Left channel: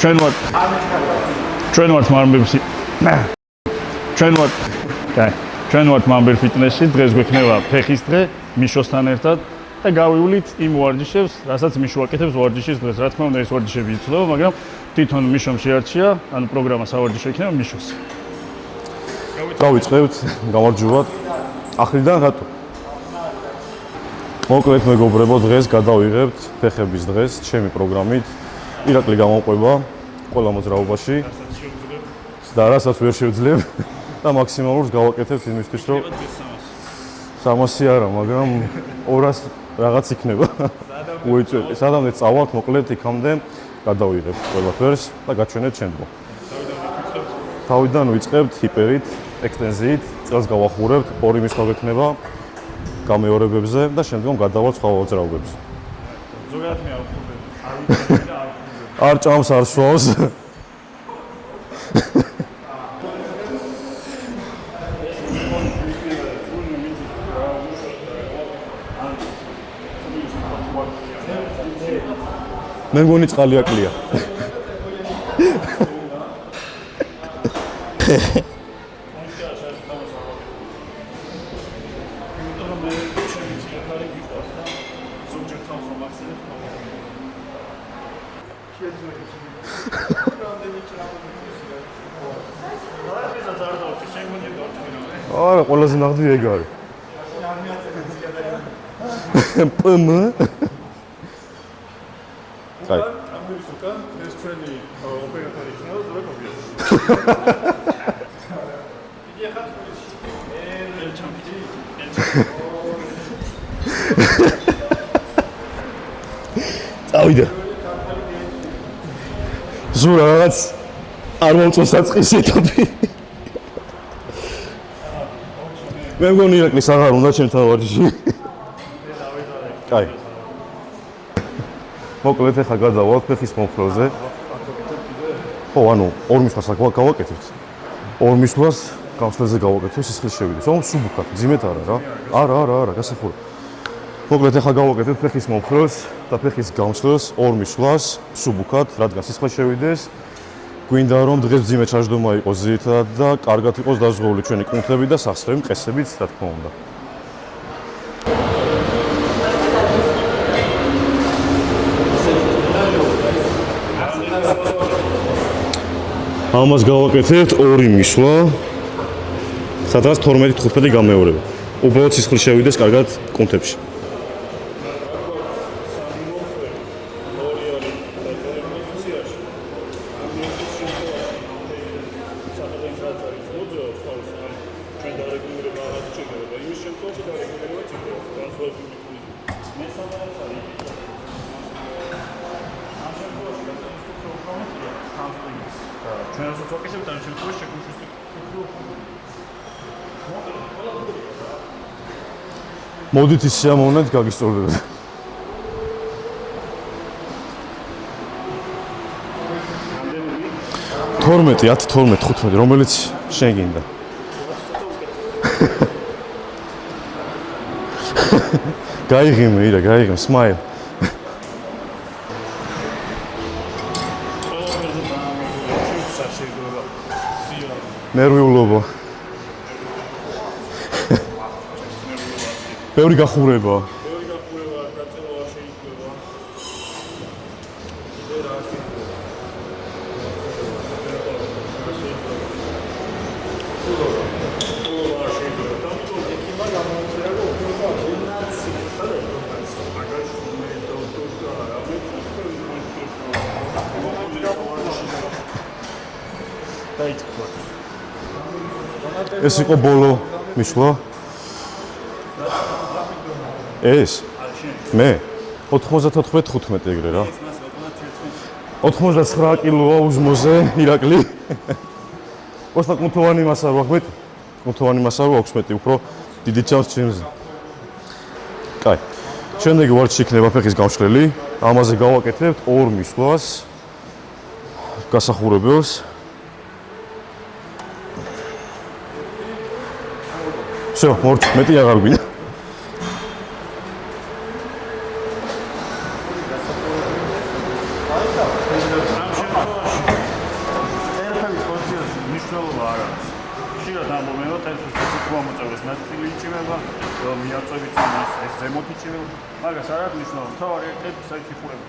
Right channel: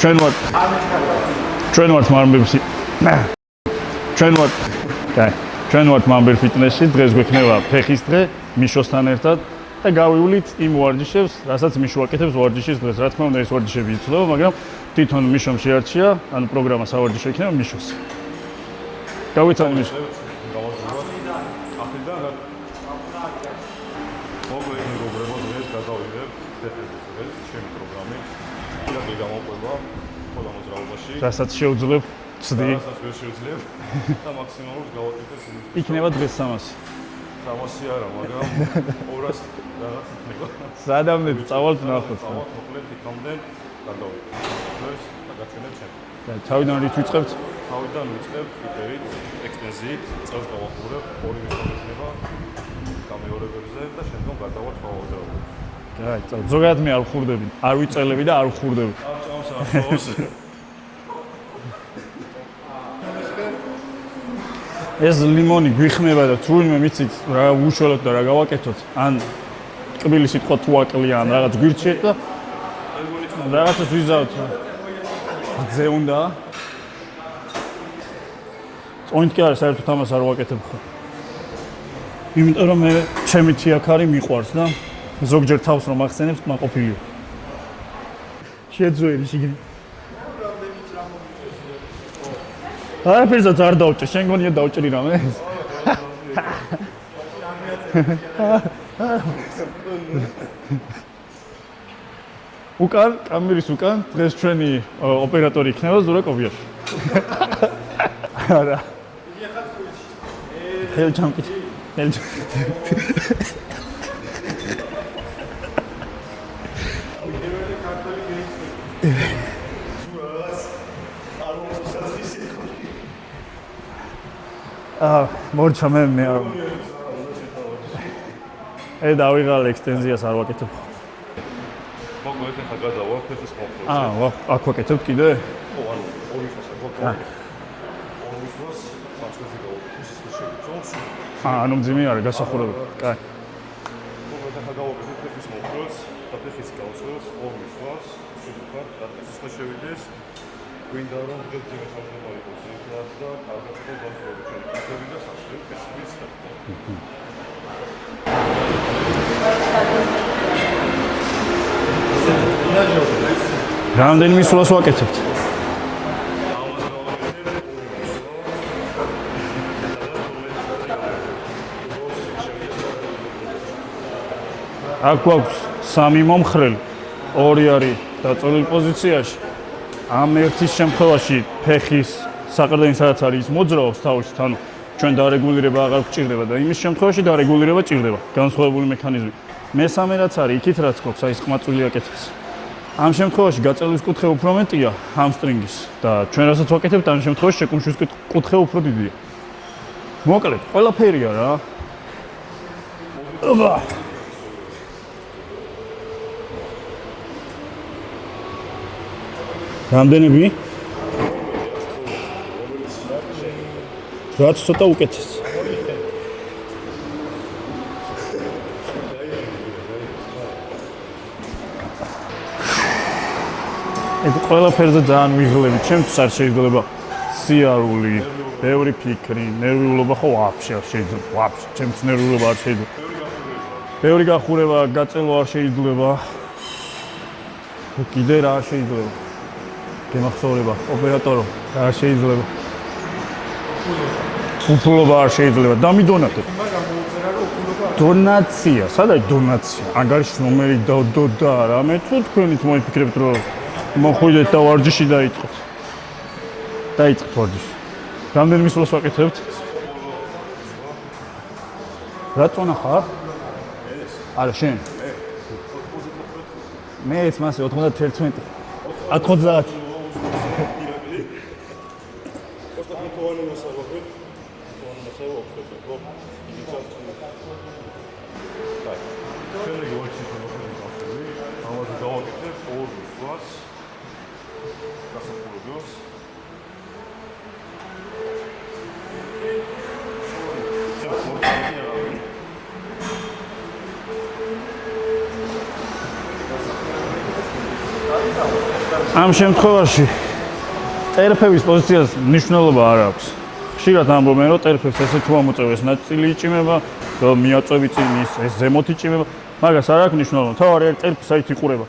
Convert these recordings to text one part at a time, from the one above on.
ჩვენ ვართ მამბერ ფიტნესში, დღეს გვექნება ფეხის დღე მიშოსთან ერთად და გავივლით იმ ვარჯიშებს, რასაც მიშო აკეთებს ვარჯიშის დღეს. რა თქმა უნდა, ეს ვარჯიშები იცვლება, მაგრამ თვითონ მიშომ შეარჩია, ანუ პროგრამა სავარჯიშო იქნება მიშოს. გავიწყებთ გამარჯვებათ. ახლიდან რატო? მოკლედ მეგობრებო, დღეს გადავიღებთ ფეხების დღეს ჩემი პროგრამით. ირაკლი გამოვყვება ყველა მოძრაობაში, რასაც შევძლებ და რასაც ვერ შევძლებ და მაქსიმალურს გავაკეთებ იმისთვის, რომ იქნება დღეს 300 არა, მაგრამ 200 რაღაც იქნება. სადამდე წავალთ, მოკლედ იქამდე გადავიღებთ ყველაფერს და გაჩვენეთ შემდგომ. თავიდან ვიწყებთ ჰიპერით, ექსტენზიით, წელს გავახურებთ, 2 მისვლა გვექნება გამეორებებზე და შემდგომ გადავალთ სხვა მოძრაობებზე. ზოგადად მე არ ვხურდები, არ ვიწელები და არ ვხურდები. არ ჭამს, არ სვავს. ეს ლიმონი გვიხმება და თუ ვინმე მიცით რა უშველოთ და რა გავაკეთოთ, ან კბილი სიტყვა თუ აკლია, ან რაღაც გვირჩიეთ და მე მგონი წყალი აკლია. ზე უნდა. წონით კი არა, საერთოდ ამას არ ვაკეთებ ხო. იმიტომ რომ მე ჩემი თიაქარი მიყვარს და ზოგჯერ თავს რომ ახსენებს, მაყოფილია. შეძვერი შიგნით. არაფერსაც არ დავჭერ, შენ გონია დავჭერი რამე? არა, ყველაზე ნახდი ეგ არის. პმ უკან, კამერის უკან, დღეს ჩვენი ოპერატორი იქნება ზურა კობიაშვილი. არა. ხელჩამკით. წავიდა. ზურა რაღაც არ მომწონს საწყის ეტაპი. მორჩა მე. მე მგონი ირაკლის აღარ უნდა ჩემთან ვარჯიში. დავიღალე ექსტენზიას არ ვაკეთებ. მოკლედ ახლა გადავალთ ფეხის მომხროზე. აქ ვაკეთებ კიდე? ხო, ანუ 2 მისვლას აქ გავაკეთებთ. 2 მისვლას გამსვლელზე გავაკეთებ სისხლის შევიდეს. ო, სუბუქად, ძიმეთ არა. არა, გასახურე. მოკლედ ახლა გავაკეთებ ფეხის მომხროს და ფეხის გამსვლელს 2 მისვლას სუბუქად, რადგან სისხლის შევიდეს. გვინდა რომ დღეს ძიმე ჩაჯდომა იყოს ძირითადად და კარგად იყოს დაზღვეული ჩვენი კუნთები და სახსრები მყესებით, რა თქმა უნდა. რამდენი მისვლას ვაკეთებთ? ამას გავაკეთებთ 2 მისვლა, სადაც 12-15 გამეორება. უბრალოდ სისხლი შევიდეს კარგად კუნთებში. აქ გვაქვს 3 მომხრელი, 2 არის დაწოლილი პოზიციაში. ამ ერთის შემთხვევაში ფეხის საყრდენი სადაც არის მოძრაობს თავში, თან ჩვენ დარეგულირება აღარ გვჭირდება და იმის შემთხვევაში დარეგულირება ჭირდება. განსხვავებული მექანიზმი. მესამე რაც არის, იქით რაც გვაქვს, აი ეს ხმაწვილი აკეთებს. ამ შემთხვევაში გაწევის კუთხე უფრო მეტია ჰამსტრინგის და ჩვენ რასაც ვაკეთებთ, ამ შემთხვევაში შეკუმშვის კუთხე უფრო დიდია. მოკლედ, ყველაფერია რა. მოდით ის შემოვნეთ გაგისწორდებათ. რამდენები? 12, 10, 12, 15, რომელიც შენ გინდა. რაც ცოტა უკეთეს. გაიღიმე, smile. ეს ყველაფერზე ძალიან ვიღლები, ჩემთვის არ შეიძლება სიარული, ნერვიულობა. ბევრი ფიქრი, ნერვიულობა ხო ვაფშე არ შეიძლება, ჩემთვის ნერვიულობა არ შეიძლება. ბევრი გახურება, გაწელვა არ შეიძლება. კიდე რა შეიძლება? გემახსოვრება, ოპერატორო, არ შეიძლება. უფლობა არ შეიძლება, დამიდონატე. დონაცია, სადაც დონაცია? ანგარიშის ნომერი და რამე თუ თქვენით მოიფიქრებთ რომ მოხვიდეთ და ვარჯიში დაიწყოთ. დაიწყოთ ვარჯიში. რამდენი მისვლას ვაკეთებთ? ეს იყო ბოლო მისვლა. რატომ ხარ? ეს? არა, შენ. მე 94-15 ეგრე რა. მეც მასე 91. 99 კილოა უზმოზე ირაკლი. ოღონდ კუნთოვანი მასა ვაქვს, კუნთოვანი მასა ვაქვს მეტი, უფრო დიდი ჩანს ჩემზე. კაი. შემდეგი ვარჯიში იქნება ფეხის გამშლელი. ამაზე გავაკეთებთ 2 მისვლას. გასახურებელს. всё, მორჩ, მეტი აღარ გვინდა. ამ ამ შემთხვევაში ტერფების პოზიციას მნიშვნელობა არ აქვს. ხშირად ამბობენ, რომ ტერფებს ესე თუ ამოწევეს ნაწილი იჭიმება, რომ მიაწევი წინის, ეს ზემოთ იჭიმება, მაგას არ აქვს მნიშვნელობა. თავარი არის ტერფი საით იყურება.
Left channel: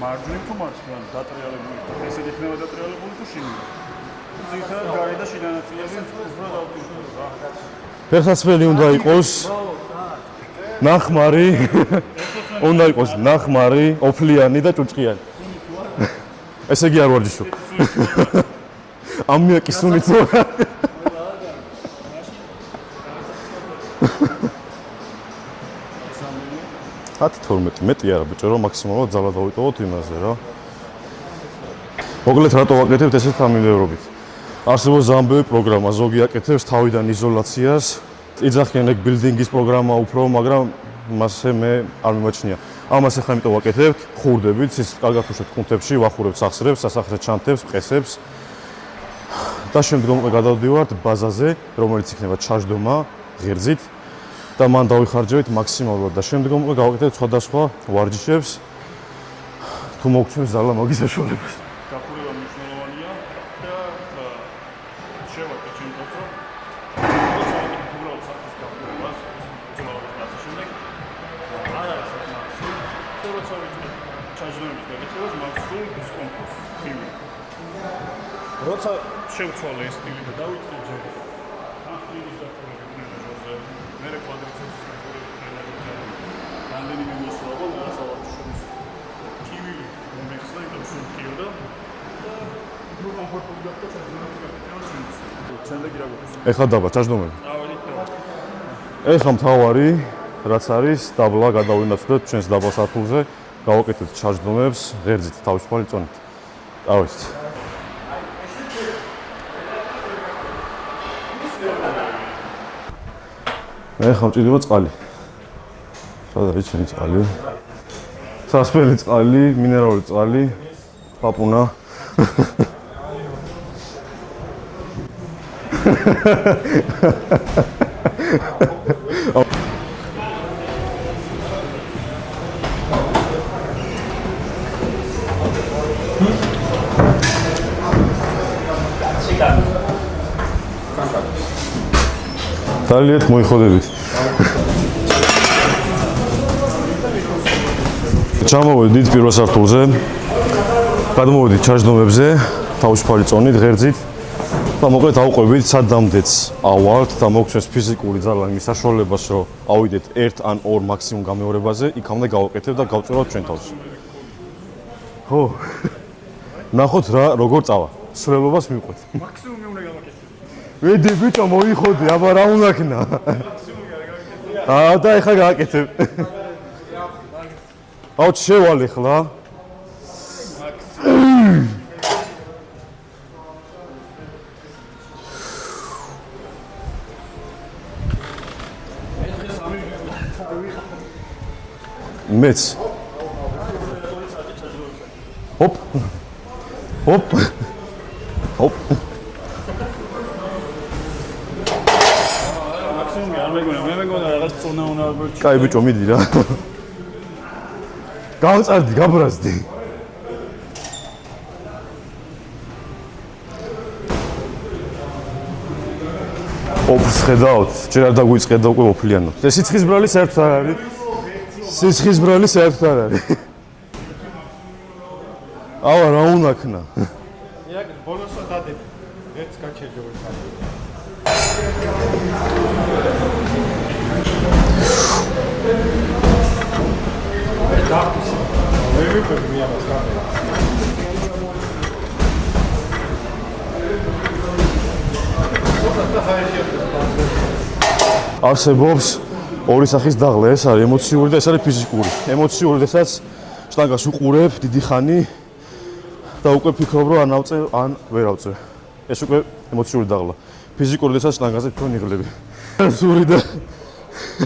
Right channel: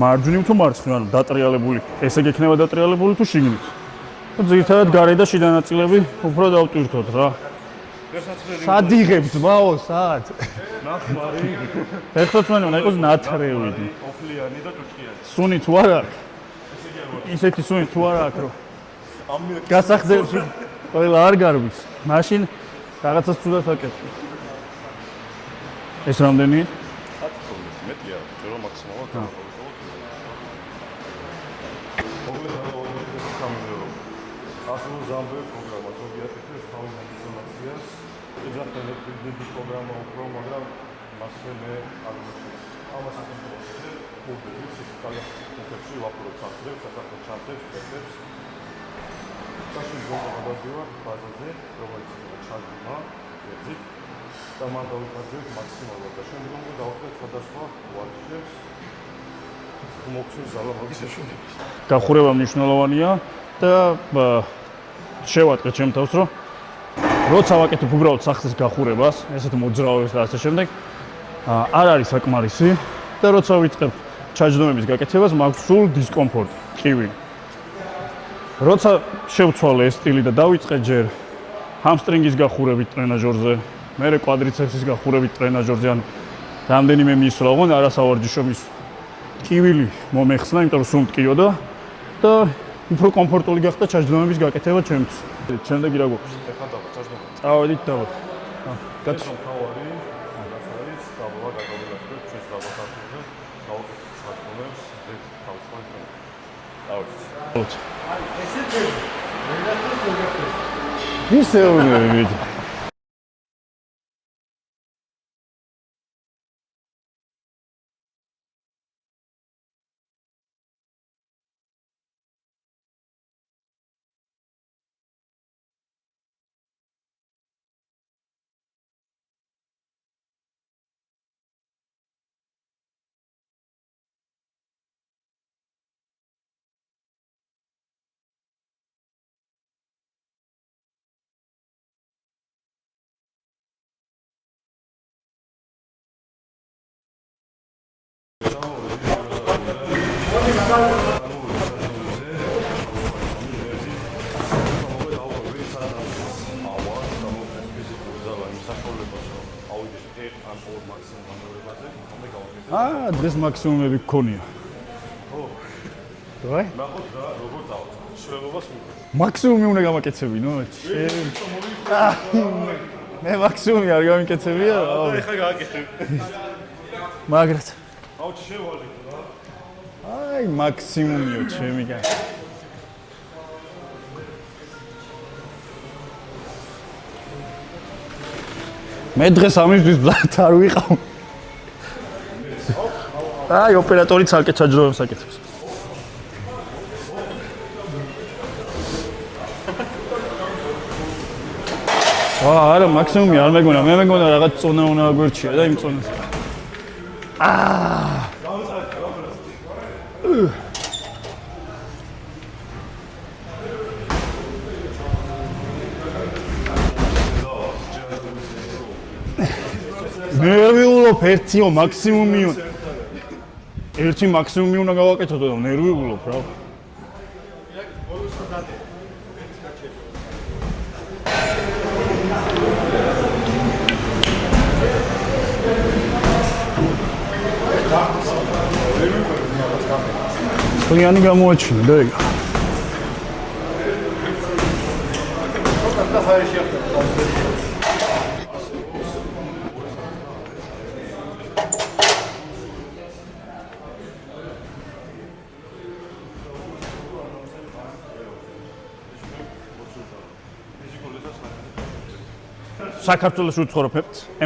მარჯვნივ თუ მარცხნივ, ანუ დატრიალებული, ესე გექნება დატრიალებული თუ შიგნით. ძირითადად გარე და შიდა ნაწილები უფრო დავტვირთოთ რა. ფეხსაცმელი უნდა იყოს ბაო, სად? ნახმარი, ფეხსაცმელი უნდა იყოს ნახმარი, ოფლიანი და ჭუჭყიანი. სუნი თუ არა, ესე იგი არ ვარჯიშობ. ისეთი სუნი თუ არ აქვს, რომ ამიაკის სუნი თუ არა. ყველა არ გარბის. მაშინ რაღაცას ცუდად აკეთებ. ეს რამდენი? 10-12 მეტი არა ბიჭო, რომ მაქსიმალურად ძალა დავიტოვოთ იმაზე რა. მოგლეთ რატო ვაკეთებთ ესეთ ამილერობით. არსებობს ზამბევი პროგრამა, ზოგი აკეთებს თავიდან იზოლაციას, იძახიან ეგ ბილდინგის პროგრამა უფრო, მაგრამ მასე მე არ მიმაჩნია. ამას ახლა იმიტომ ვაკეთებთ, ხურდებით, ის კარგად უშვებთ კუნთებში, ვახურებთ სახსრებს, სასახლე ჩანთებს, ყესებს. და შემდგომ გადავდივართ ბაზაზე, რომელიც იქნება ჩაჯდომა ღერძით და მან დავიხარჯებით მაქსიმალურად და შემდგომ გავაკეთებთ სხვადასხვა ვარჯიშებს თუ მოგწონს ზალა მაგის საშუალებას. გახურება მნიშვნელოვანია და შევატყე ჩემ თავს, რომ როცა ვაკეთებ უბრალოდ სახლის გახურებას, ესეთ მოძრაობას და ასე შემდეგ, არ არის საკმარისი და როცა ვიწყებ ჩაჯდომების გაკეთებას, მაქვს სულ დისკომფორტი, კივი. როცა შევცვალე ეს სტილი და დავიწყე ჯერ ჰამსტრინგის გახურებით ტრენაჟორზე, მერე კვადრიცეპსის გახურებით ტრენაჟორზე, ან რამდენიმე მისვლა, ოღონდ არასავარჯიშობის კივილი მომეხსნა, იმიტომ რომ სულ მტკიოდა და უფრო კომფორტული გახდა ჩაჯდომების გაკეთება ჩემთვის. შემდეგი რა გვაქვს? ეხლა დაბა ჩაჯდომები. წავედით და ეხლა მთავარი რაც არის, დაბლა გადავინაცვლოთ ჩვენს დაბალ სართულზე, გავაკეთებთ ჩაჯდომებს ღერძით, თავისუფალი წონით. წავედით. ისე უნდა ეხლა მჭირდება წყალი. სად არის ჩემი წყალი? სასმელი წყალი, მინერალური წყალი, პაპუნა. Ძალიან მოიხოდებით. ჩამოვედით პირველ სართულზე. გადმოვედით ჩაჯდომებზე, თავისუფალი წონით, ღერძით. და მოკლედ ავყვებით სადამდეც ავართ და მოგცეს ფიზიკური ძალა იმის საშუალებას, რომ ავიდეთ 1 ან 2 მაქსიმუმ გამეორებაზე, იქამდე გავაკეთებ და გავწევავ ჩვენ თავს. მაქსიმუმები გქონია. ხო. ნახოთ რა როგორ წავა. სრულობას მივყვეთ. მაქსიმუმი უნდა გამაკეთებინო. ვედი ბიჭო მოიხოდი, აბა რა უნდა ქნა. მე მაქსიმუმი არ გამიკეთებია. და ეხლა გააკეთებ. მაგრად. აუ შევალ ეხლა. აი მაქსიმუმი შემიგან. მე დღეს ამისთვის ბლათ არ ვიყავ. მეც. აი ოპერატორი ცალკე ჩაჯდომებს აკეთებს. ჰოპ. ჰოპ. ჰოპ. არა მაქსიმუმი არ მეგონა, მე მეგონა რაღაც წონა უნდა აგვერჩიო. კაი ბიჭო მიდი რა. გავწარდი, გაბრაზდი. ოფს ხედავთ, ჯერ არ დაგვიწყედა უკვე ოფლიანად. ეს სიცხის ბრალი საერთოდ არ მე არის. ვიულობ ერთიო მაქსიმუმი. სიცხის ბრალი საერთოდ არ არის. ერთი მაქსიმუმი უნდა გავაკეთო და ნერვი. ავა რა უნდა ქნა. იაკ ბონუსა დადი. ერთს გაჩერდო. იანი გამოაჩინა და ეგ. არსებობს ორი სახის დაღლა, ეს არის ემოციური და ეს არის ფიზიკური. ემოციური, რასაც შტანგას უყურებ დიდი ხანი და უკვე ფიქრობ, რომ ან ავწე, ან ვერ ავწე. ეს უკვე ემოციური დაღლა. ფიზიკური, რასაც შტანგაზე თქვენ იღლები. საქართველოს უცხორო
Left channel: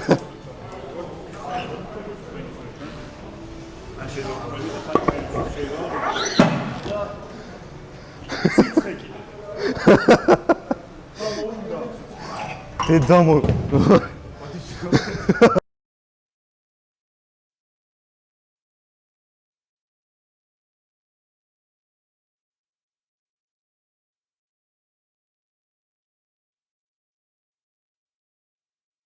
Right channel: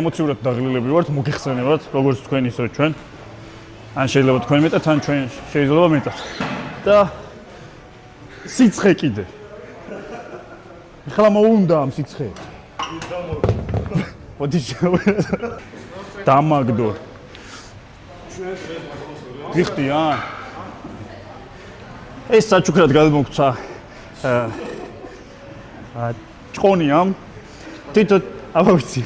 ემოციურად დაღლილები ვართ, მოგიხსენებათ, როგორც თქვენ ისე ჩვენ. ან შეიძლება თქვენ მეტად, ან ჩვენ შეიძლება მეტად. და სიცხე კიდე. ხლა მოუნდა ამ სიცხე. დედა ოდი დამაგდო. ვიხტიან. ეს საჩუქრად გადმოგცა ჭყონიამ თითო ავიცი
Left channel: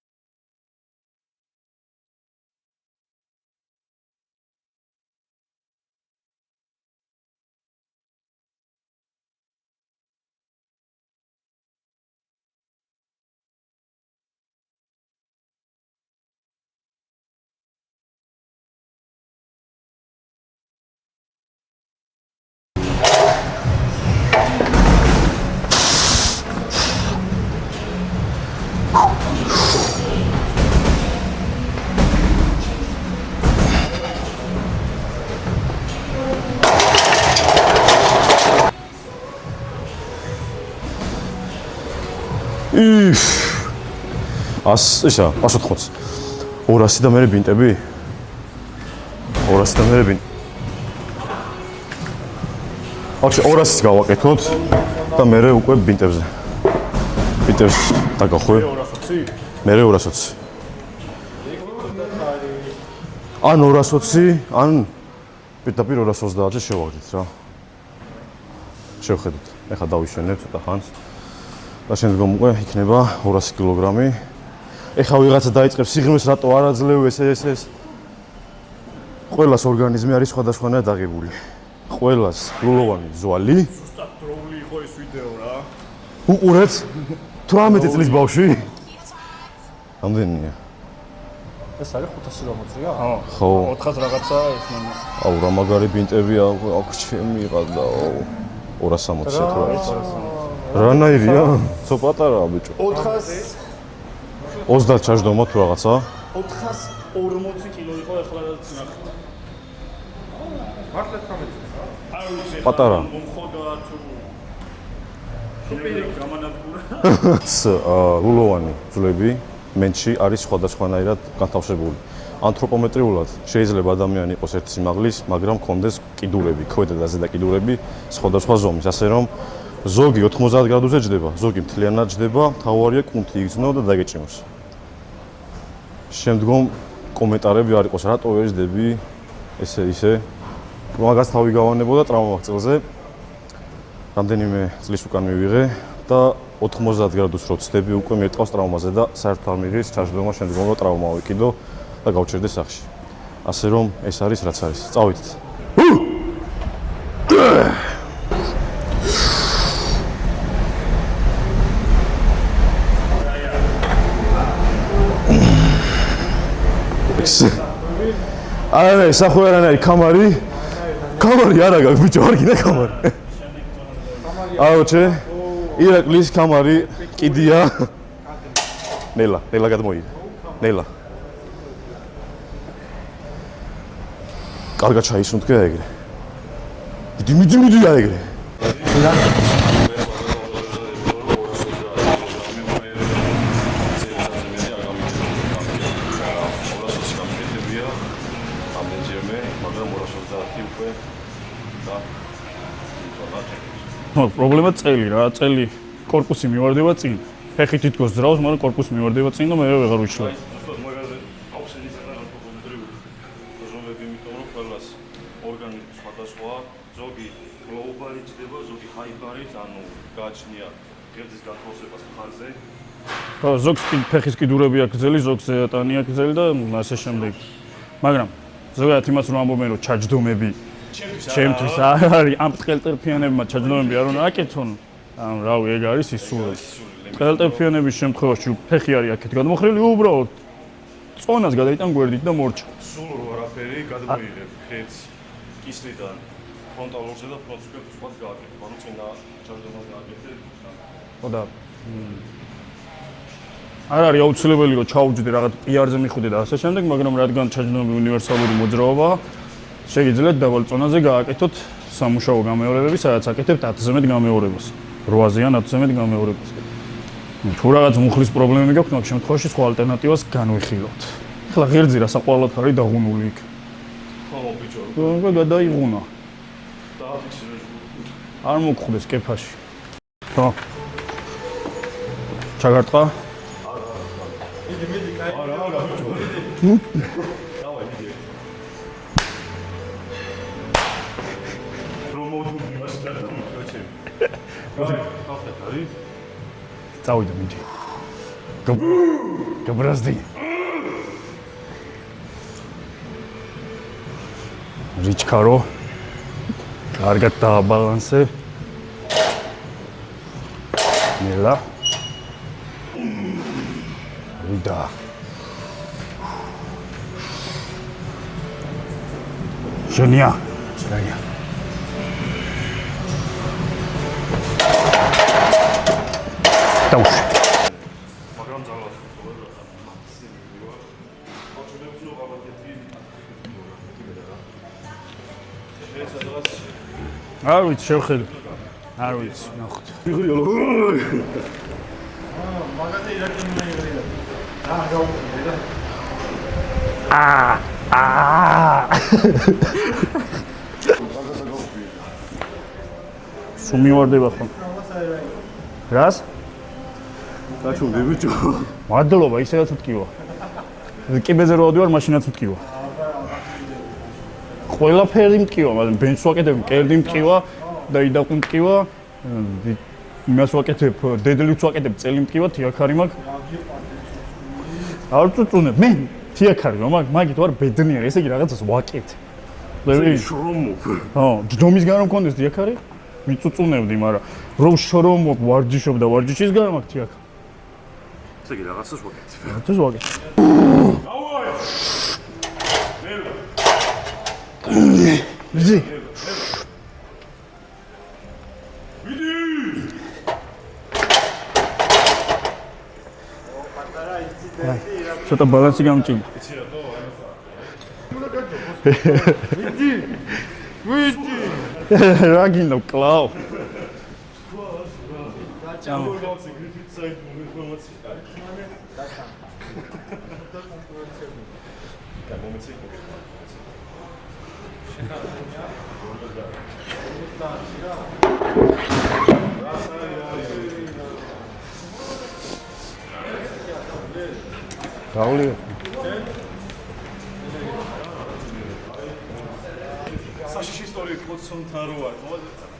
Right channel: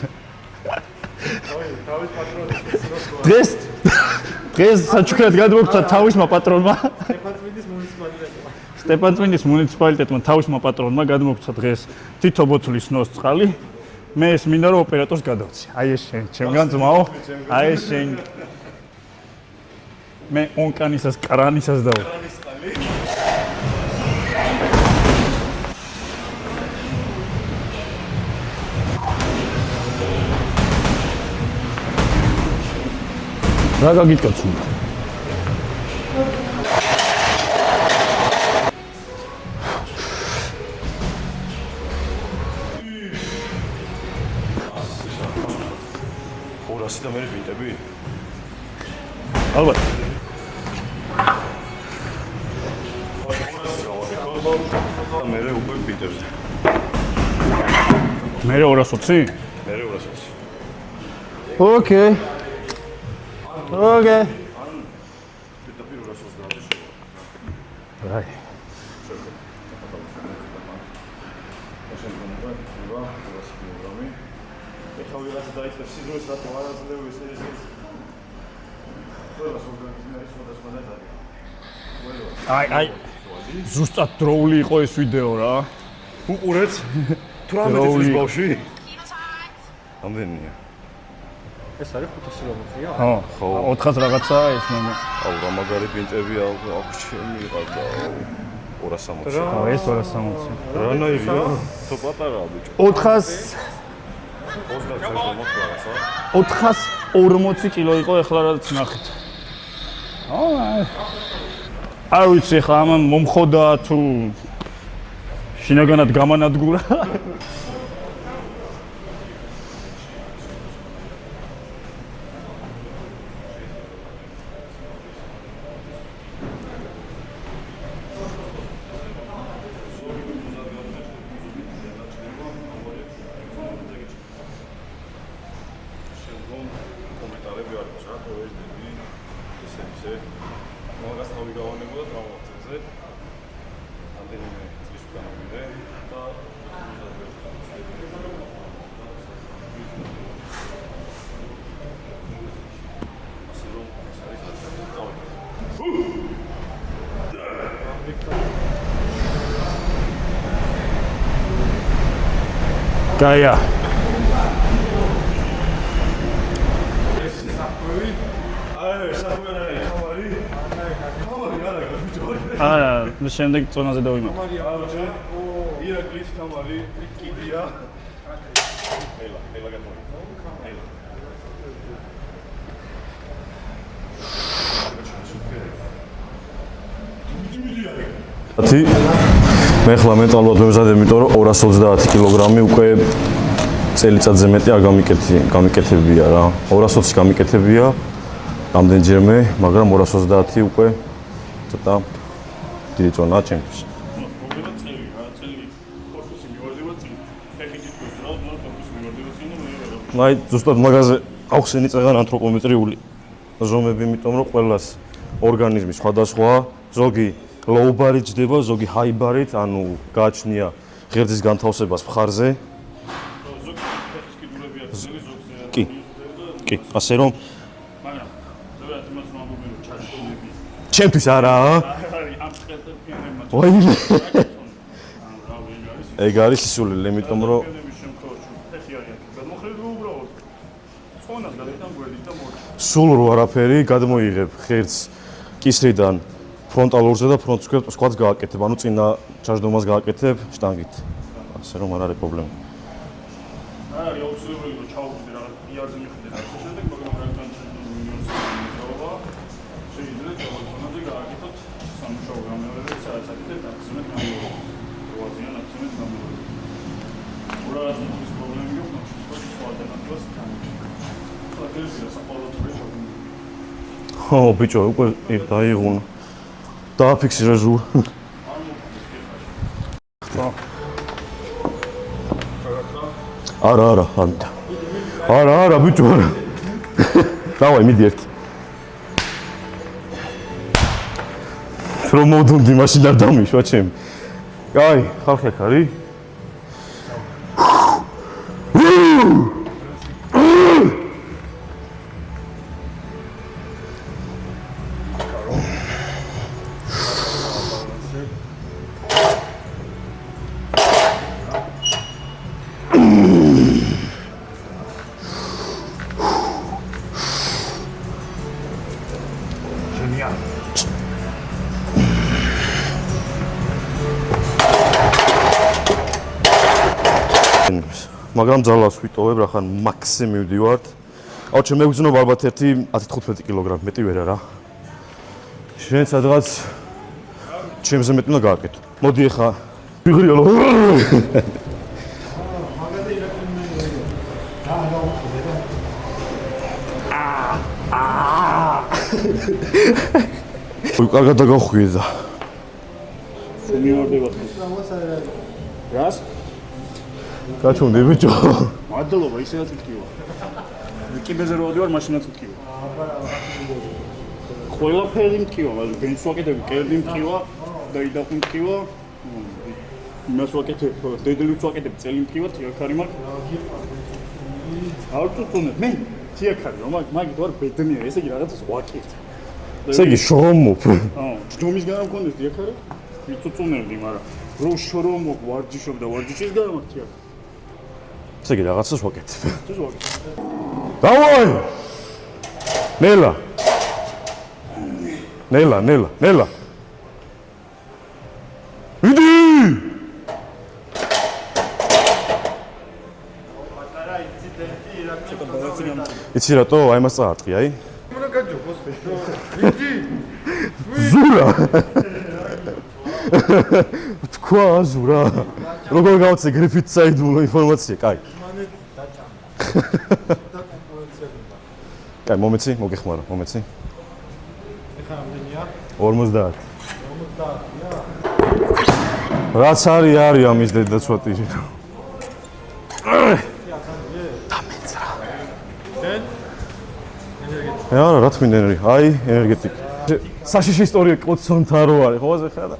დღეს საჩუქრად გადმოგცა თავისმა პატრონმა სტეპანწმინდის მუნიციპალიტეტმა თავისმა პატრონმა გადმოგცა დღეს თითო ბოთლის ნოს წყალი მე ეს მინდა რომ ოპერატორს გადავცი აი ეს შენ ჩემგან ძმაო აი ეს შენ მე ონკანისას კრანისას დავ რა გაგიტკაცო ისა 180 200 და მე ბინტები 200 და მე ბინტ ოჩი 200-ს გავაკეთოთ და მე უკვე ბინტებზე ბინტებს დაგახვევ მე 220 მე 220 ოკეი ან 220 ან პირდაპირ 230-ზე შევაგდეთ რა აი შევხედეთ ეხლა დავიშვენებ ცოტა ხანს და შემდგომ უკვე იქნება 200 კილოგრამი ეხლა ვიღაცა დაიწყებს სიღრმეს რატო არ აძლევ ეს ყველას ორგანიზმი არის სხვადასხვანაირად აღებული ყველას გულოვანი ზვალი ზუსტად დროული იყო ეს ვიდეო რა უყურეთ 18 წლის ბავშვი ამდენია ეს არის 560-ია? ხო 400 რაღაცა ეს მე აუ რა მაგარი ბინტები აქ შემიყავდა 260 ეს 260 რანაირია? ცო პატარაა ბიჭო 30 ჩაჯდომა თუ რაღაცა 440 კილო იყო ეხლა რაც ნახეთ არ ვიცი ხა მომხოდა თუ შინაგანად გამანადგურა გულოვანი ძვლები მენჩი არის სხვადასხვანაირად განთავსებული ანთროპომეტრიულად შეიძლება ადამიანი იყოს ერთი სიმაღლის მაგრამ კონდეს კიდურები ქვედა და ზედა კიდურები სხვადასხვა ზომის ასე რომ ზოგი 90 გრადუსზე ჯდება ზოგი მთლიანად ჯდება თავარია კუნთი იგრძნო და დაგეჭიმოს შემდგომ კომენტარები არ იყოს რატო ვერ ჯდები ესე მაგას თავი გავანებოდა ტრავმა წელზე რამდენიმე წლის უკან მივიღე და 90 გრადუსს რო ვცდები უკვე მეტყავს ტრავმაზე და საერთოდ არ მიღის ჩაჯდომა შემდგომ რო ტრავმა ვიკიდო და გავჩერდე სახში ასე რომ ეს არის რაც არის წავითით გაია არა სახუი არანაირი კამარი არა გაქვს ბიჭო არ გინდა აა შემდეგ წონაზე დავიმო აუჩე ირაკლის კამარი კიდია ნელა გადმოიღე ნელა კარგად ჩაისუნთქე ეგრე მიდი ეგრე ათი მე ხლა მენტალურად ვემზადებ იმიტომ რომ 230 კილოგრამი უკვე წელიწადზე მეტი არ გამიკეთებია რა 220-ში გამიკეთებია რამდენჯერმე მაგრამ 230 უკვე ცოტა დიდი წონა ჩემთვის პრობლემა წელი რა წელი корпуსი მივარდება წინ ფეხი თითქოს ძრავს მაგრამ корпуსი მივარდება წინ და მე ვეღარ ვიშვა აი ზუსტად მაგაზე ახსენი წეგან ანთროპომეტრიული ზომები იმიტომ რომ ყველას ორგანიზმი სხვადასხვა ზოგი low bar-ით ჯდება ზოგი high bar-ით ანუ გააჩნია ღერძის განთავსებას მხარზე ხო ზოგს ფეხის კიდურები აქვს გზელი ზოგს ატანია გზელი და ასე რომ მაგრამ ზოგადად იმას რომ ამბობენ რომ ჩაჯდომები ჩემთვის არა არის ამ ტყელტერფიანებმა ჩაჯდომები არ აკეთონ ანუ რავი ეგ არის ისულელი იმიტომ რომ ტყელტერფიანების შემთხვევაში ფეხი არის აქეთ გადმოხრილი უბრალოდ წონას გადაიტან გვერდით და მორჩა სულ რო არაფერი გადმოიღებ ღერძს კისრიდან ფრონტალურზე და ფრონტ სკვატს გააკეთებ ანუ წინა ჩაჯდომას გააკეთებ შტანგით ხო და ასე რომ არ არის პრობლემა არ არის აუცილებელი რომ ჩაუჯდე რაღაც პიარზე მიხვიდე და ასე შემდეგ მაგრამ რადგან ჩაჯდომები უნივერსალური მოძრაობაა შეგიძლიათ დაბალ წონაზე გააკეთოთ სამუშაო გამეორებები სადაც აკეთებთ 10-ზე მეტ გამეორებას 8-ზე ან 10-ზე მეტ გამეორებას თუ რაღაც მუხლის პრობლემები გაქვთ მაგ შემთხვევაში სხვა ალტერნატივას განვიხილოთ ახლა ღერძი რა საყოველად არის დაღუნული იქ ხო ბიჭო უკვე დაიღუნა დააფიქსირე ზურ არ მოგხვდეს კეფაში ხო ჩაგარტყა არა ბიჭო არა დავაი მიდი ერთი რომ მოდუნდი მაშინ არ დამიშვა ჩემი. კაი, ხალხი აქ არის. წავიდა მიჩა. გაბრაზდი. რიჩკარო. კარგად დააბალანსე. ნელა. და ჟენია. ჟენია. მაგრამ ძალას ვიტოვებ, რახან მაქსიმ მივდივართ. აუჩე მეგზნობა ალბათ 1-15 კილოგრამი, მეტი ვერ არა. შენ სადღაც არ ვიცი, ჩემზე მეტი უნდა გააკეთო. მოდი ახლა. ვიღრიალო. მაგარი რაკი მეიმედა. უი, კარგად დაგახვიედა. სულ მივარდება ხო? რას? გაჩვენდი ბიჭო. მადლობა, ისედაც მткиვა. კიბეზე რო ვდივარ, მაშინაც მткиვა. ყველაფერი მткиვა, მაგრამ ბენჩს ვაკეთებ, კერდი მткиვა და იდაყუ მткиვა. იმას ვაკეთებ, დედლიც ვაკეთებ, წელი მткиვა, თიაქარი მაქვს. არ წუწუნებ, მე თიაქარი რომ მაგით ვარ ბედნიერი, ესე იგი რაღაცას ვაკეთებ. ესე იგი შრომობ. ხო, ჯდომის გარემო მქონდეს თიაქარი, მიწუწუნებდი, მაგრამ რომ შრომობ, ვარჯიშობ და ვარჯიშის გარემო მაქვს თიაქარი. ესე იგი რაღაცას ვაკეთებ. ეს ვაკეთებ. დავაი! ნელა. ნელა. იდი! ცოტა ბალანსი გამჭირდა. იცი რატო? აი მას წაარტყი, აი. ზურა. რა გინდა კლაუ. თქვა ზურა. როგორ გავწე გრიფით საიდუმლო ინფორმაცია, კაი. კაი, მომეცი, მოგეხმარა, მომეცი. 50. რაც არის ამის დედა ცოტი. გაული. რა, რა თქმა უნდა, აი, ენერგეტიკა. საშიში ისტორია კოცონთან რო არის, ხო ასე ხარ და.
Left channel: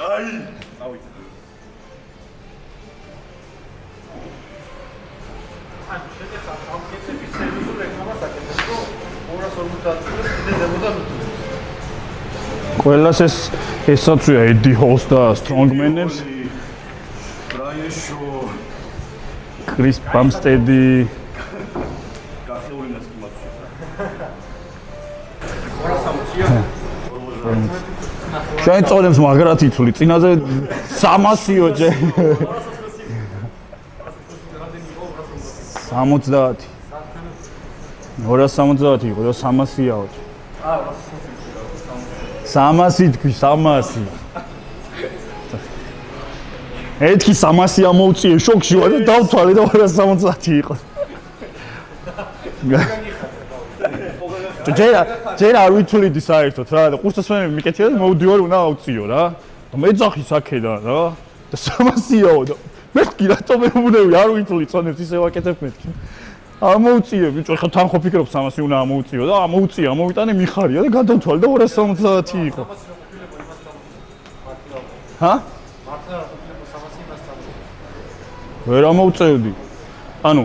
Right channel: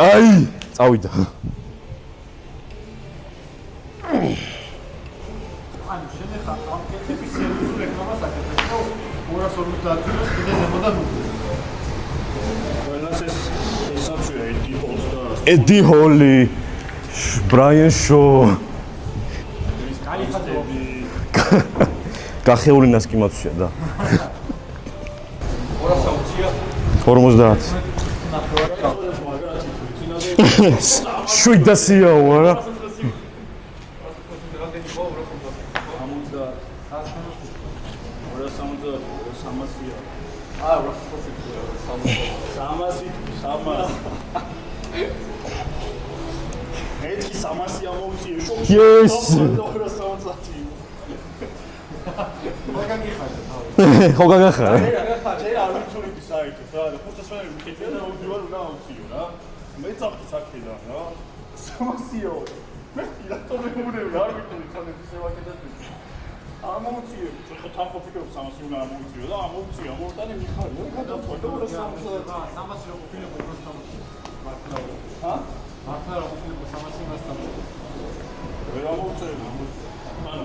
აი, წავიდა. ყველას ესაცვია ედი ჰოლს და ედი ჰოლი, ბრაიან შო, კრის ბამსტედი, გახეულინას კი მოცია და 50. შენ წოდებს მაგრად იცული, წინაზე 300-ია არა? 70. 270 იყო და 300-იაო. 300 თქვი, 300. ეთქი 300 ამოუწიე, შოქში ვარ და დავთვალე და 270 იყო. ხო გაგახარა. ჯერ არ ვითვლიდი საერთოდ რა და ყურსასმენები მიკეთია და მოვდივარ უნდა ავწიო რა. მეძახი საქედან რა და 300-იაო და მეთქი რატომ მეუბნები არ ვითვლი წონებს ისე ვაკეთებ მეთქი. ამოუწიე ბიჭო, ხა თან ხო ფიქრობ 300 უნდა ამოუწიო და ამოუწიე, ამოვიტანე მიხარია და გადავთვალე და 270 იყო. ჰა? ვერ ამოუწევდი. ანუ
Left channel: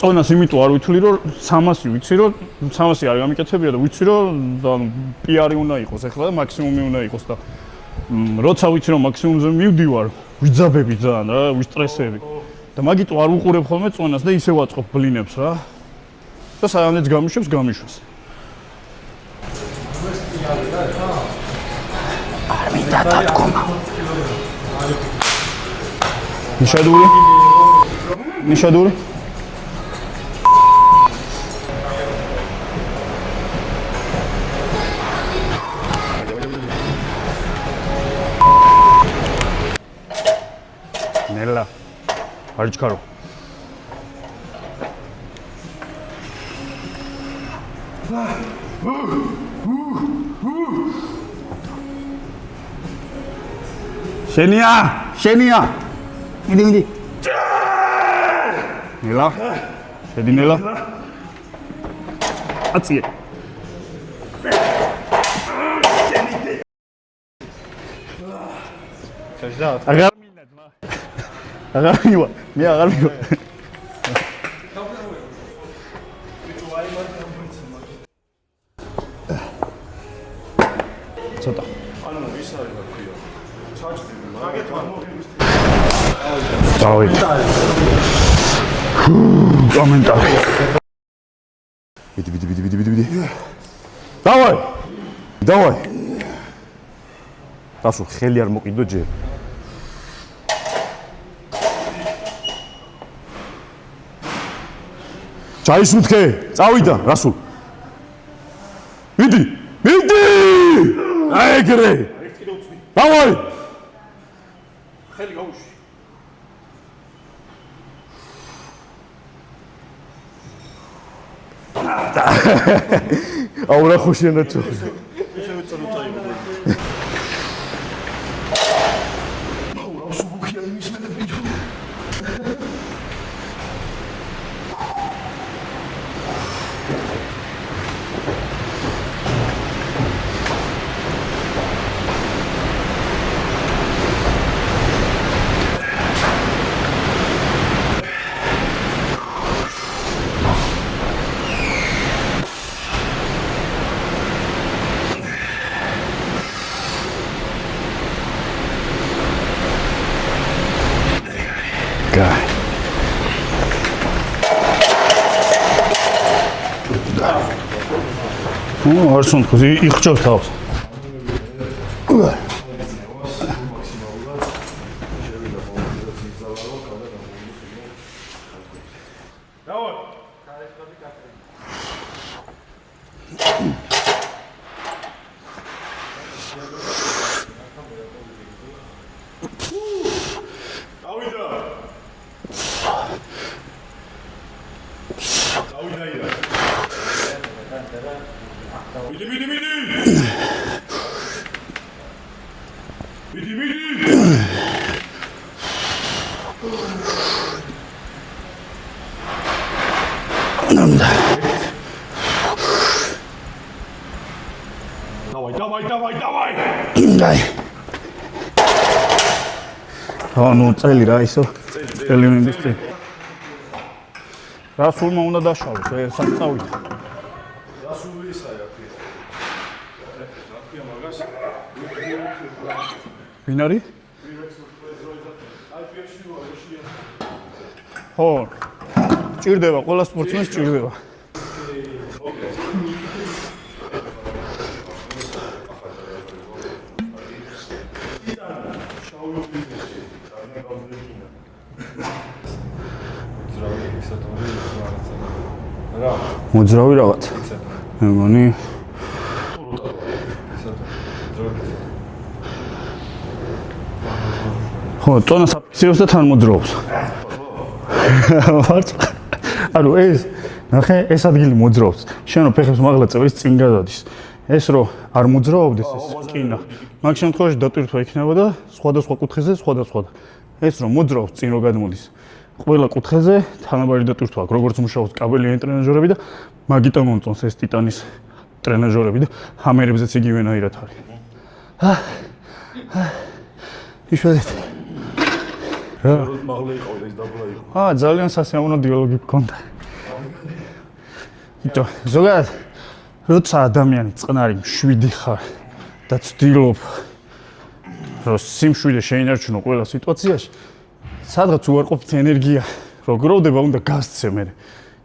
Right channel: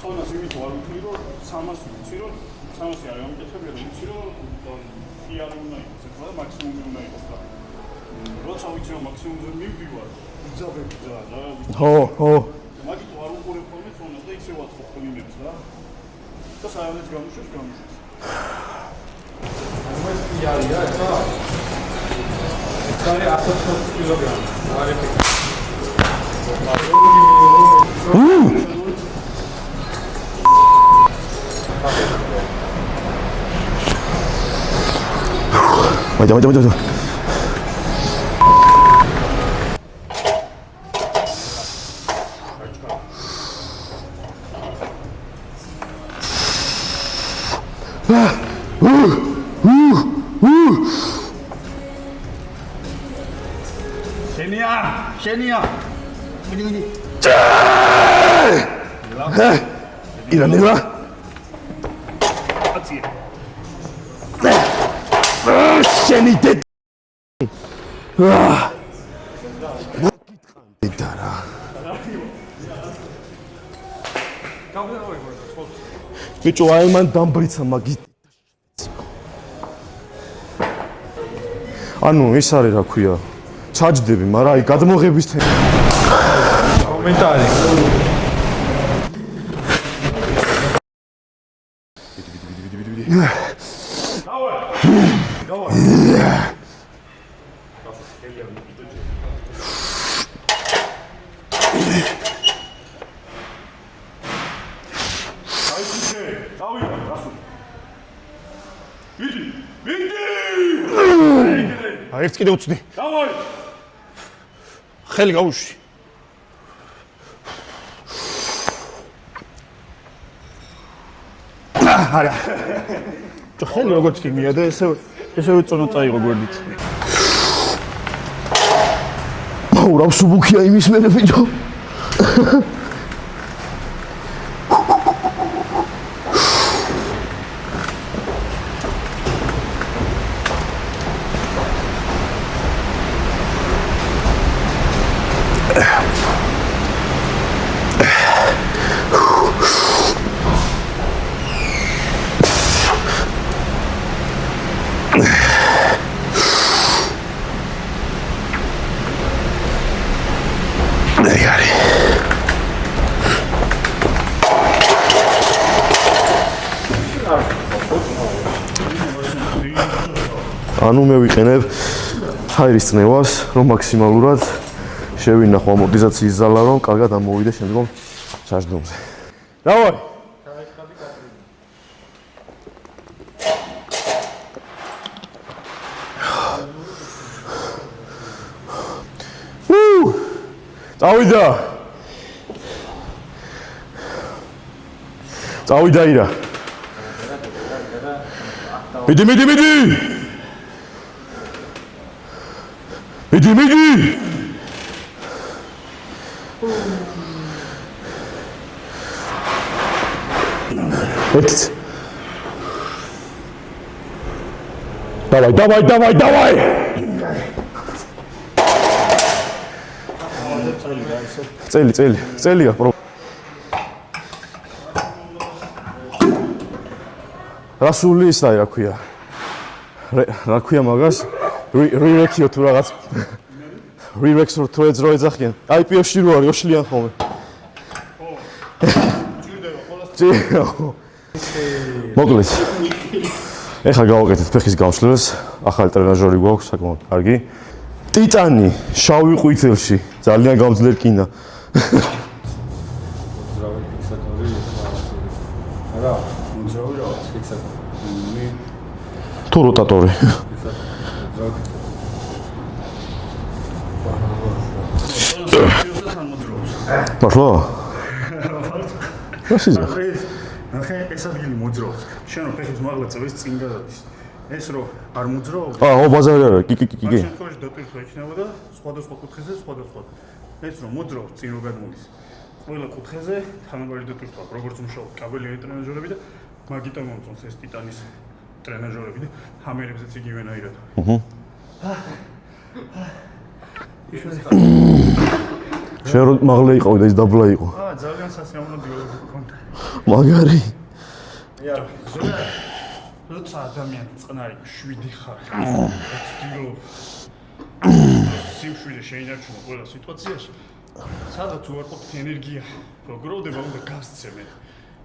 წონას იმიტომ არ ვითვლი რომ 300 ვიცი რომ 300 არ გამიკეთებია და ვიცი რომ პიარი უნდა იყოს ახლა და მაქსიმუმი უნდა იყოს და როცა ვიცი რომ მაქსიმუმზე მივდივარ, ვიძაბები ძალიან რა, ვისტრესები. და მაგით არ უყურებ ხოლმე წონას და ისე ვაწყობ ბლინებს რა. და სანამ გამიშვებს, გამიშვას. ნიშადური? ნიშადური? ვაჯა. ნელა. არჩქარო. შენია. მიდი. ნელა. შედი ნელა. აწიე. შენი დე მე აღარ მივა. ბიჭო აი მან დამბრიცა მაგი ცოტა ანუ ის არის რა ქვია ჩაჯდები მაგრამ აი გადმოღების თემა კომენტარი ვიდი დავაი რასო ხელი არ მოკიდო ჯერ ჩაისუფე წავიდა რასო ვიდი ეგრე აი ერთ კიდე უცდი დავაი ხელი გაუშვი აურა ხოში უნდა ესე უწონო წაიღო გვერდით აურა სუბუქია იმის მერე ბიჭო არსუნ ხუზი იხჭო თავს ანუ მე ვიყენებ ჰაერის წნევას რომ მაქსიმალურად შევინახო ამორტიზაციის ზალა რომ კარგად ამოვიდე შემდგომ ჩაჯდომზე დავაი წავიდა ირა მიდი დავაი ანუ წელი რა ისო წელი რა რასულმა უნდა დაშავოს სამწავი რასული ის რა ქვია რა ქვია მაგას რივექიო თუ რაღაც ვინ არის რივექს რო თროეძრო ეძახიან IPO-ში რო არის ოშლიან ხოლმე ხო ჭირდება ყველა სპორტს ჭირდება მოკლედ ეხლა გავაკეთეთ ფეხის გამშლებას ახალი ტრენაჟორი გვაქვს საკმაოდ კარგი ტიტანი შავი ყვითელში ძალიან გამძლე რკინა მოძრავი რაღაც მე მგონი თუ როტატორი ხო ტონას ხილს და თან მოძრაობს მართლა ანუ ეს ნახე ეს ადგილი მოძრაობს შენ რო ფეხებს მაღლა წევრის წინ გადადის ეს რო არ მოძრაობდეს აო ბაზარი არა კი მაგ შემთხვევაში დატვირთვა იქნებოდა სხვადასხვა კუთხეზე სხვადასხვა ეს რო მოძრაობს წინ რო გადმოდის ყველა კუთხეზე თანაბარი დატვირთვა აქვს როგორც მუშაობს კაბელიანი ტრენაჟორები და მაგიტომ მომწონს ეს ტიტანის ტრენაჟორები და ჰამერებზეც იგივენაირად არის იშვიათად შენ რო მაღლა იყავი და ის დაბლა იყო ძალიან სასიამოვნო დიალოგი გქონდა მაგარი ბიჭო ზოგადად როცა ადამიანი წყნარი მშვიდი ხარ და ცდილობ რომ სიმშვიდე შეინარჩუნო ყველა სიტუაციაში სადღაც უარყოფით ენერგია რო გროვდება უნდა გასცე მე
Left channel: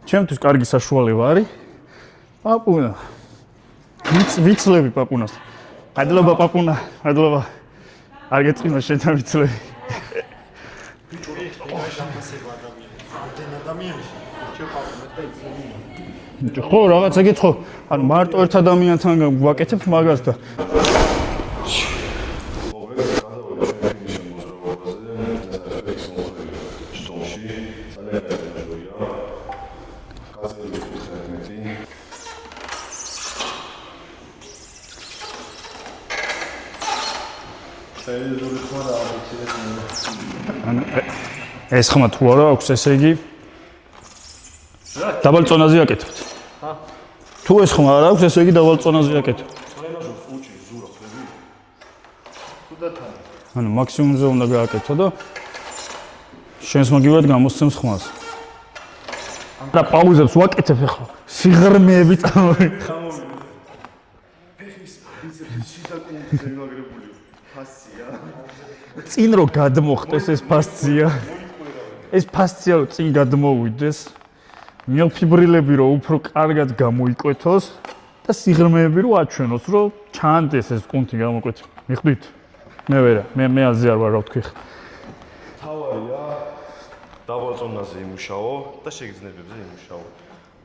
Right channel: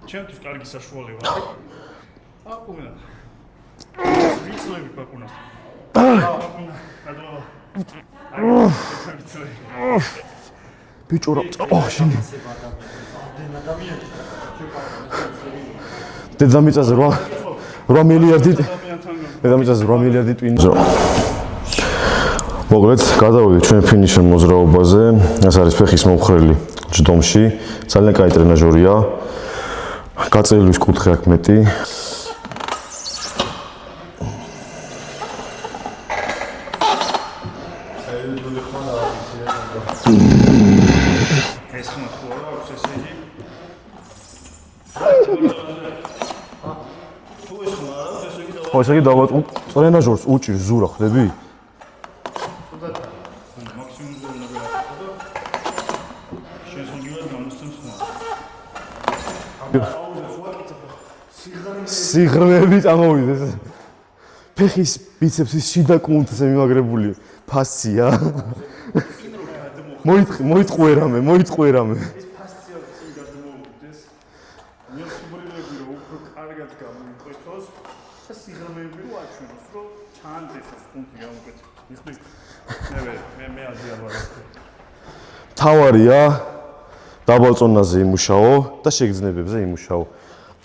ჩემთვის კარგი საშუალება არის პაპუნა ვიცლები პაპუნას ადლობა პაპუნა ადლობა არ გეცომა შენ ვიცლები ბიჭო რა შენ დედამიწაზე რა ხა გეცხო 8 მილიარდი ადამიანთან გვაკეთებს მაგას მოგლეთ გადავიდეთ ჩვენ ფინიშერ მოძრაობაზე ეს არის ფეხის მომხრელი ჯდომში ძალიან კაი ტრენაჟორია გაწეილვის კუთხე აქვს მეტი ეს ხმა თუ არა აქვს ესე იგი დაბალ წონაზე აკეთებთ თუ ეს ხმა არ აქვს, ესე იგი დავალწონაზე აკეთებ. ტრენაჟორს უჭირს ზურა ხლები? ანუ მაქსიმუმზე უნდა გააკეთო და შენს მაგივად გამოსცემს ხმას. და პაუზებს ვაკეთებ ახლა. სიღრმეები წამოვიდეს. ფეხის ბიცეპსის შიდა კუნთზე მიმაგრებული ფასცია. წინ რო გადმოხდეს ეს მოიტყვერამე. ეს ფასცია რო წინ გადმოვიდეს. მიოფიბრილები რო უფრო კარგად გამოიკვეთოს და სიღრმეები რო აჩვენოს, რომ ჩანდეს ეს კუნთი გამოკვეთი. მიხვდით? მე ვერა, მე აზი არ ვარ რა ვთქვი. თავარია დაბალ წონაზე იმუშაო და შეგრძნებებზე იმუშაო.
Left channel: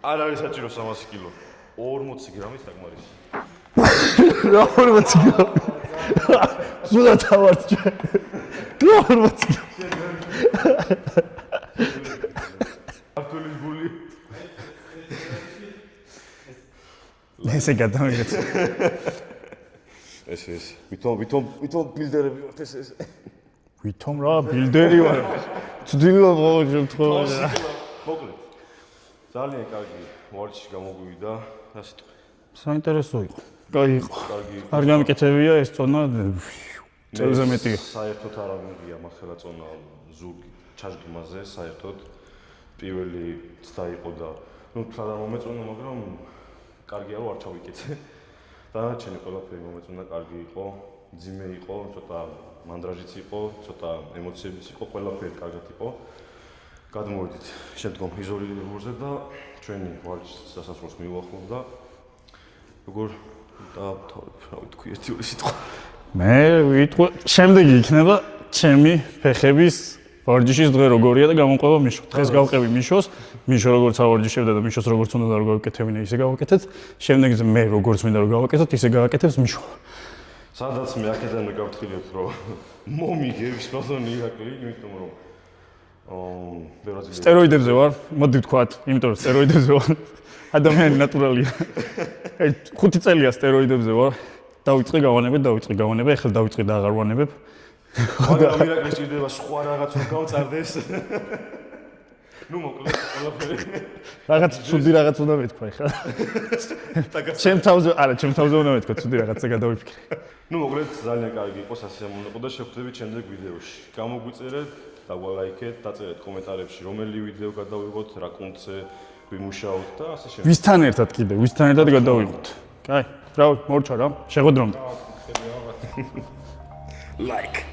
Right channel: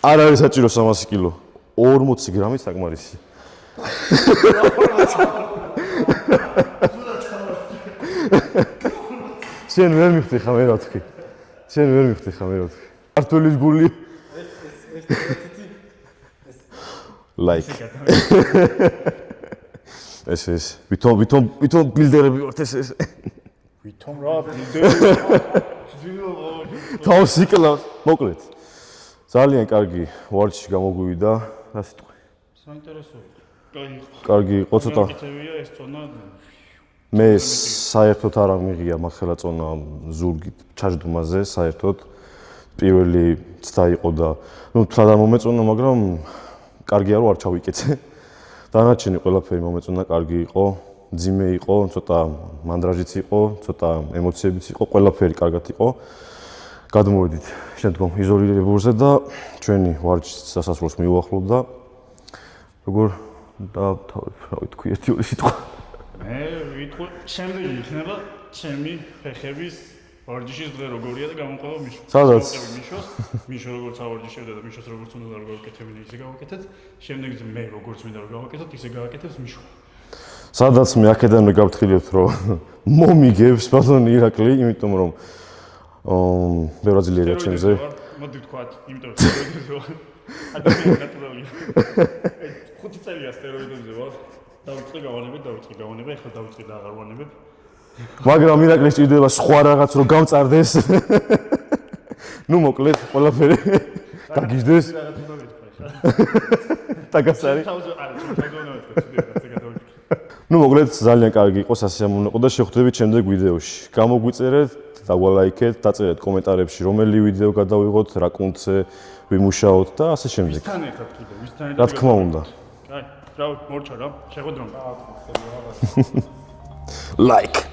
არ არის საჭირო 300 კილო. 40 გრამი საკმარისი. 40 გრამი. სულა თავართ. 40. შენ ვერ მიხდი ხა მე რა ვთქვი. შენ ვერ მიხდი ხა მე რა ვთქვი. არტულის გული. ესე გადავიდეთ. ეს ვითომ ბილდერები ვართ ეს. ვითომ რა ბილდერი ვარ. ცდილობ მოგვიწყო. თავს იკლა. მოკლედ. ძალიან კარგი ვარჯიში გამოგვივიდა, ასე თქვი. საინტერესო იყო. კარგი იყო. კარგი იყო. კარგი ამკეთებია ეს წონა. მე საერთოდ არ მიღია მახელა წონა ზურგით ჩაჯდომაზე, საერთოდ პირველი ცდა იყო და ნუ თლა და მომეწონა, მაგრამ კარგია რომ არ ჩავიკეცე. დანარჩენი ყველაფერი მომეწონა, კარგი იყო, ძიმე იყო, ცოტა მანდრაჟიც იყო, ცოტა ემოციებიც იყო, ყველაფერი კარგად იყო. გადმოვიდით შემდგომ იზოლირებულზე და ჩვენი ვარჯიშის დასასრულს მივუახლოვდა. როგორ დავთავრებ, რა ვთქვი, ერთი სიტყვა. მე ვიტყვი, შემდეგი იქნება ჩემი ფეხების ვარჯიშის დღე როგორია და გამოყვება მიშოს. ეს გავყევი მიშოს, მიშო როგორც ავარჯიშებდა და მიშოს როგორც უნდა რომ გავაკეთებინა, ისე გავაკეთეთ. შემდეგზე მე როგორც მინდა რომ გავაკეთოთ, ისე გავაკეთებს მიშო. სადაც მე აქედან მეგაფრთხილებთ, რომ მომიგებს ბატონი ირაკლი, იმიტომ რომ ბერაზილია. სტეროიდებზე ვარ, მოდი ვთქვათ, იმიტომ რომ სტეროიდებზე ვარ. ადამიანი ნატურალია. 5 წელია სტეროიდებზე ვარ. დავიწყე გავანებებ, ეხლა დავიწყე და აღარ ვანებებ. მაგრამ ირაკლი სჭირდება სხვა რაღაც რომ გამწარდეს. ნუ მოკლედ, ყველაფერი. რაღაც ძუდი რაღაც უნდა მეთქვა ეხლა. ჩემ თავზე უნდა მეთქვა, ძუდი რაღაცა გადავიფიქრე. ნუ მოკლედ, ძალიან კარგი იყო, სასიამოვნო და შევხვდებით შემდეგ ვიდეოში. გამოგვიწერეთ, დაგვალაიქეთ, დაწერეთ კომენტარებში, რომელი ვიდეო გადავიღოთ, რა კუნთზე ვიმუშაოთ და ასე შემდეგ. ვისთან ერთად კიდე, ვისთან ერთად გადავიღოთ. კაი, რა მორჩა რა, შეხვედრომდე. Like